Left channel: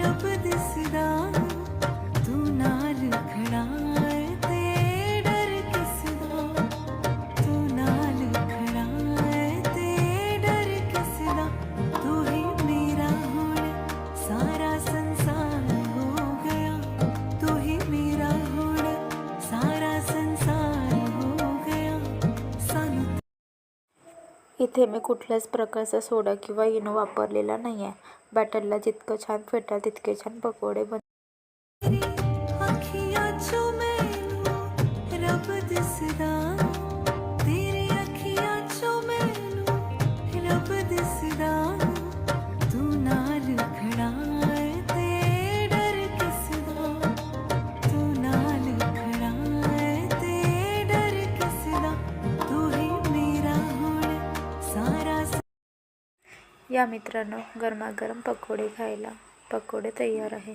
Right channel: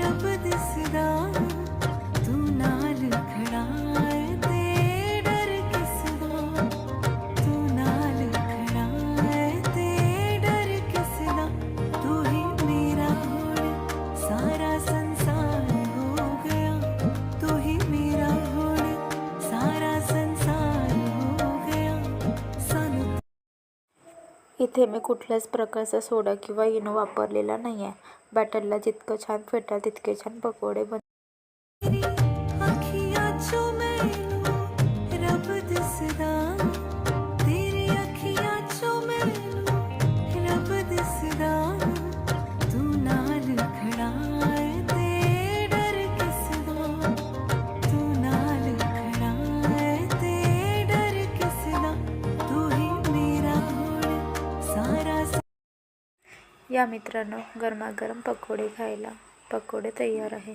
रब दिसदा तू नाल खड़ा है ते डर किसदा तू नाल खड़ा है ते डर किसदा तू ही मेरा हुण सारा संसार हो गया तू ही मेरा हुण सारा संसार हो गया सानू। इथे मी कुठल्याच प्रकारचा सोडा किंवा इनो वापरलेला नाही आहे। बॅटरला जितकं छान फेटाल तितके छान पकोडे तेरी अखियां चो मैनू रब दिसदा तेरी अखियां चो मैनू रब दिसदा तू नाल खड़ा है ते डर किसदा तू नाल खड़ा है ते डर किसदा तू ही मेरा हुण सारा। या मित्रांनो, गरमागरम पकोडे खायला पकोडे तयार आहे।